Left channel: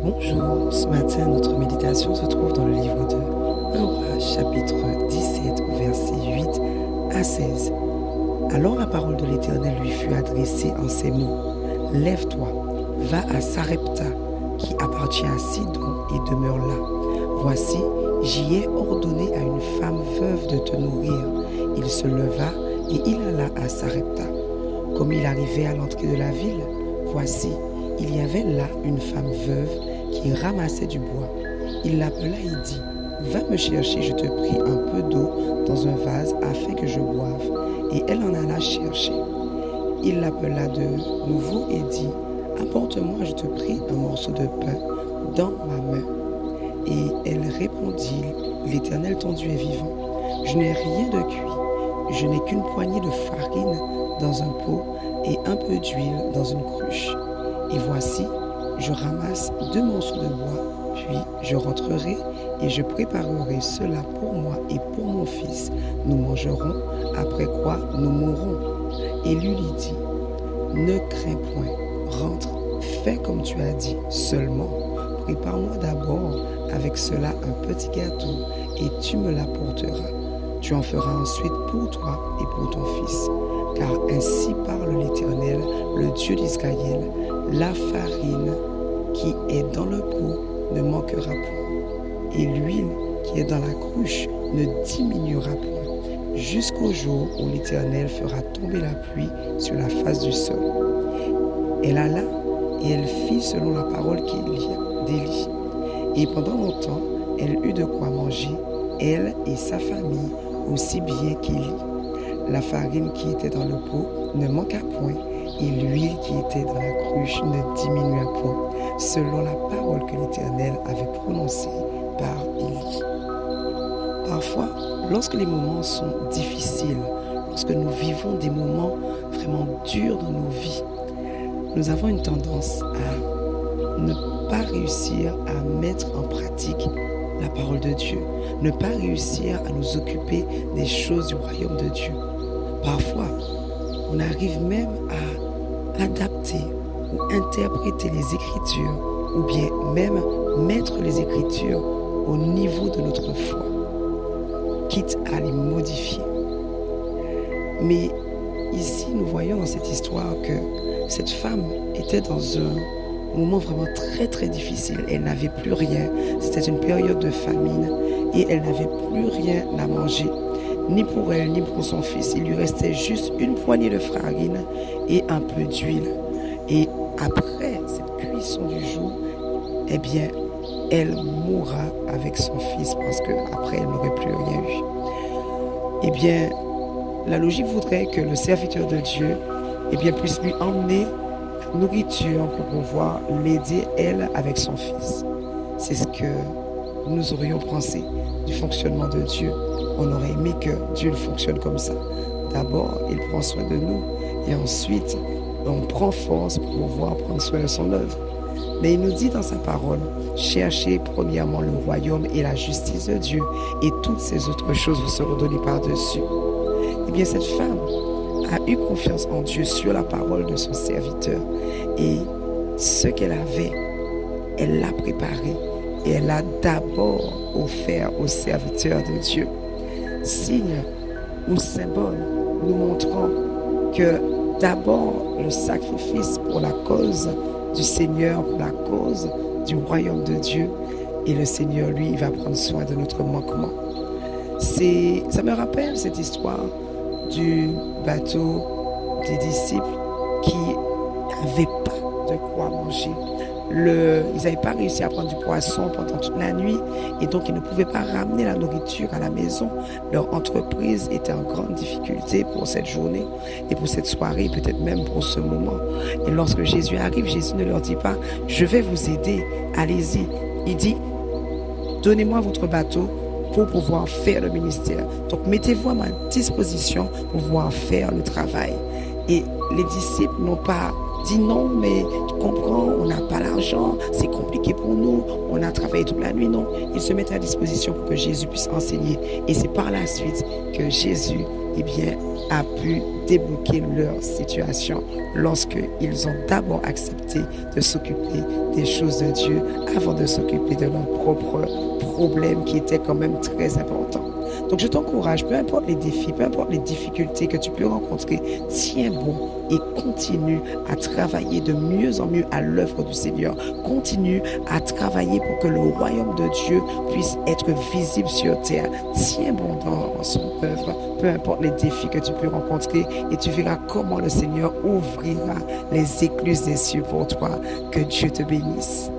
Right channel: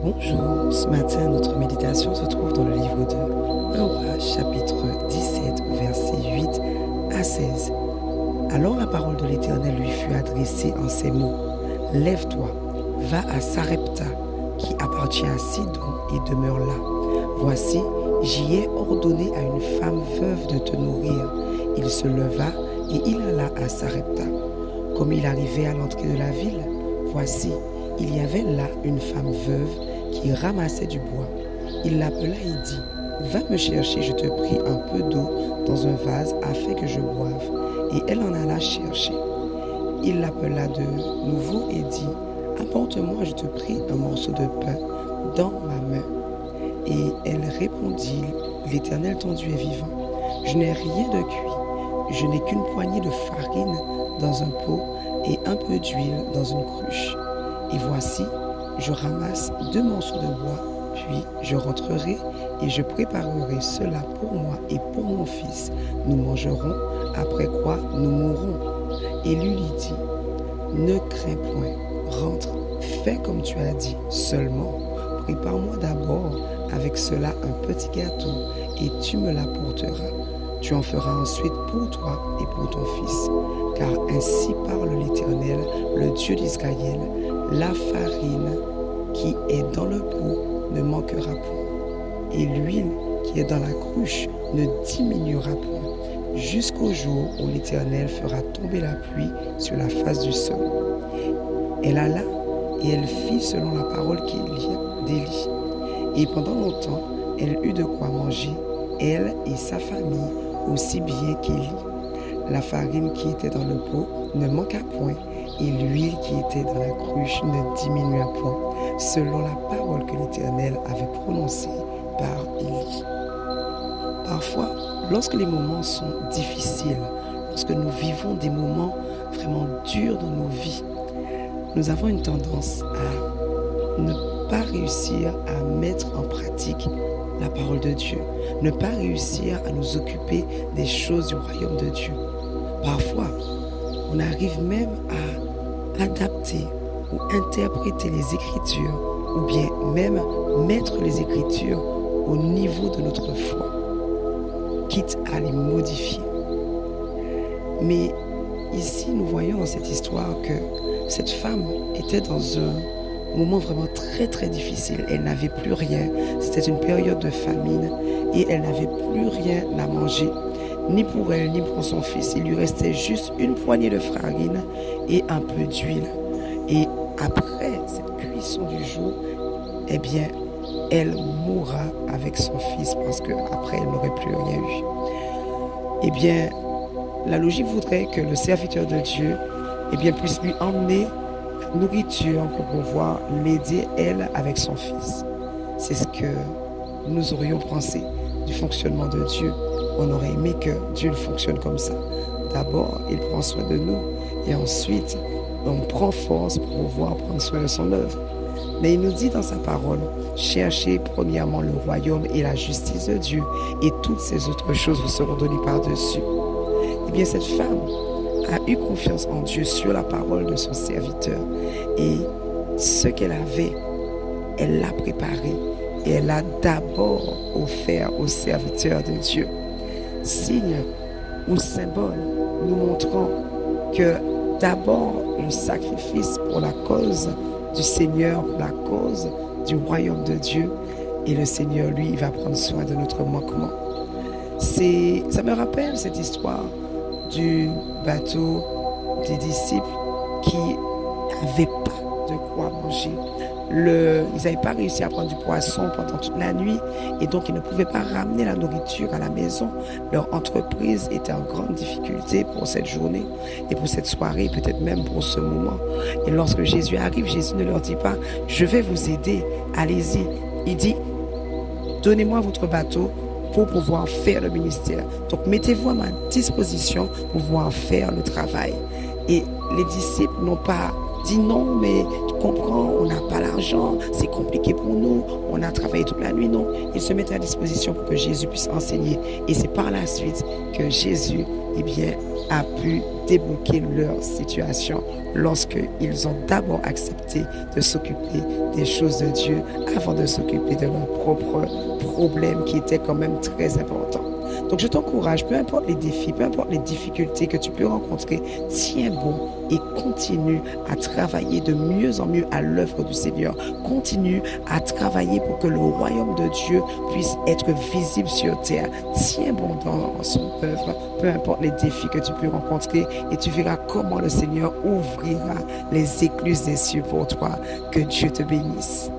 Bonjour, ce matin notre méditation se trouve dans le livre de 1 Roi chapitre 17 au verset 8 à 16. Alors la parole de l'Éternel lui fut adressée en ces mots. Lève-toi, va à Sarepta qui appartient à Sidon et demeure là. Voici, j'y ai ordonné à une femme veuve de te nourrir. Il se leva et il alla à Sarepta. Comme il arrivait à l'entrée de la ville, voici, il y avait là une femme veuve qui ramassait du bois. Il l'appela et dit, « Va me chercher, je te prie, un peu d'eau dans un vase afin que je boive. » Et elle en alla chercher. Il l'appela de nouveau et dit, « Apporte-moi, je te prie, un morceau de pain dans ma main. » Et elle répondit, « L'Éternel ton Dieu est vivant. Je n'ai rien de cuit. Je n'ai qu'une poignée de farine dans un pot et un peu d'huile dans une cruche. Et voici, je ramasse 2 morceaux de bois, puis je rentrerai et je préparerai cela pour moi et pour mon fils. Nous mangerons, après quoi nous mourrons. » Et lui dit, « Ne crains point, rentre, fais comme tu as dit, seulement prépare-moi d'abord avec cela un petit gâteau et tu me l'apporteras. Tu en feras ensuite pour toi et pour ton fils. Car ainsi parle l'Éternel, le Dieu d'Israël, la farine qui est dans le pot ne manquera point, et l'huile qui est dans la cruche ne diminuera point, jusqu'au jour où l'Éternel fera tomber la pluie sur la face du sol. » Elle alla et elle fit selon la parole d'Élie. Et pendant longtemps, elle eut de quoi manger, elle et sa famille, aussi bien qu'Élie. La farine qui était dans le pot ne manqua point, et l'huile qui était dans la cruche ne diminua point, selon la parole que l'Éternel avait prononcée par Élie. Parfois, lorsque les moments sont difficiles, lorsque nous vivons des moments vraiment durs dans nos vies, nous avons une tendance à ne pas réussir à mettre en pratique la parole de Dieu, ne pas réussir à nous occuper des choses du royaume de Dieu. Parfois, on arrive même à adapter ou interpréter les Écritures ou bien même mettre les Écritures au niveau de notre foi, quitte à les modifier. Mais ici, nous voyons dans cette histoire que cette femme était dans un moment vraiment très très difficile. Elle n'avait plus rien, c'était une période de famine et elle n'avait plus rien à manger, ni pour elle ni pour son fils. Il lui restait juste une poignée de farine et un peu d'huile. Et après cette cuisson du jour, eh bien, elle mourra avec son fils parce qu'après elle n'aurait plus rien eu. Eh bien, la logique voudrait que le serviteur de Dieu puisse lui emmener nourriture pour pouvoir l'aider, elle, avec son fils. C'est ce que nous aurions pensé du fonctionnement de Dieu. On aurait aimé que Dieu fonctionne comme ça. D'abord, il prend soin de nous et ensuite, on prend force pour pouvoir prendre soin de son œuvre. Mais il nous dit dans sa parole, cherchez premièrement le royaume et la justice de Dieu et toutes ces autres choses vous seront données par-dessus. Eh bien, cette femme a eu confiance en Dieu sur la parole de son serviteur. Et ce qu'elle avait, elle l'a préparé et elle l'a d'abord offert au serviteur de Dieu. Signe ou symbole nous montrant que d'abord le sacrifice pour la cause du Seigneur, pour la cause du royaume de Dieu, et le Seigneur, lui, il va prendre soin de notre manquement. Ça me rappelle cette histoire du bateau des disciples qui n'avaient pas de quoi manger. Ils n'avaient pas réussi à prendre du poisson pendant toute la nuit et donc ils ne pouvaient pas ramener la nourriture à la maison. Leur entreprise était en grande difficulté pour cette journée et pour cette soirée, peut-être même pour ce moment. Et lorsque Jésus arrive, Jésus ne leur dit pas « Je vais vous aider, allez-y ». Il dit « Donnez-moi votre bateau pour pouvoir faire le ministère. Donc, mettez-vous à ma disposition pour pouvoir faire le travail. » Et les disciples n'ont pas dit non, mais tu comprends, on n'a pas l'argent, c'est compliqué pour nous, on a travaillé toute la nuit. Non, ils se mettent à disposition pour que Jésus puisse enseigner. Et c'est par la suite que Jésus a pu débloquer leur situation lorsqu'ils ont d'abord accepté de s'occuper des choses de Dieu avant de s'occuper de leurs propres problèmes qui étaient quand même très importants. Donc je t'encourage, peu importe les défis, peu importe les difficultés que tu peux rencontrer, tiens bon et continue à travailler de mieux en mieux à l'œuvre du Seigneur. Continue à travailler pour que le royaume de Dieu puisse être visible sur terre. Tiens bon dans son œuvre, peu importe les défis que tu peux rencontrer, et tu verras comment le Seigneur ouvrira les écluses des cieux pour toi. Que Dieu te bénisse.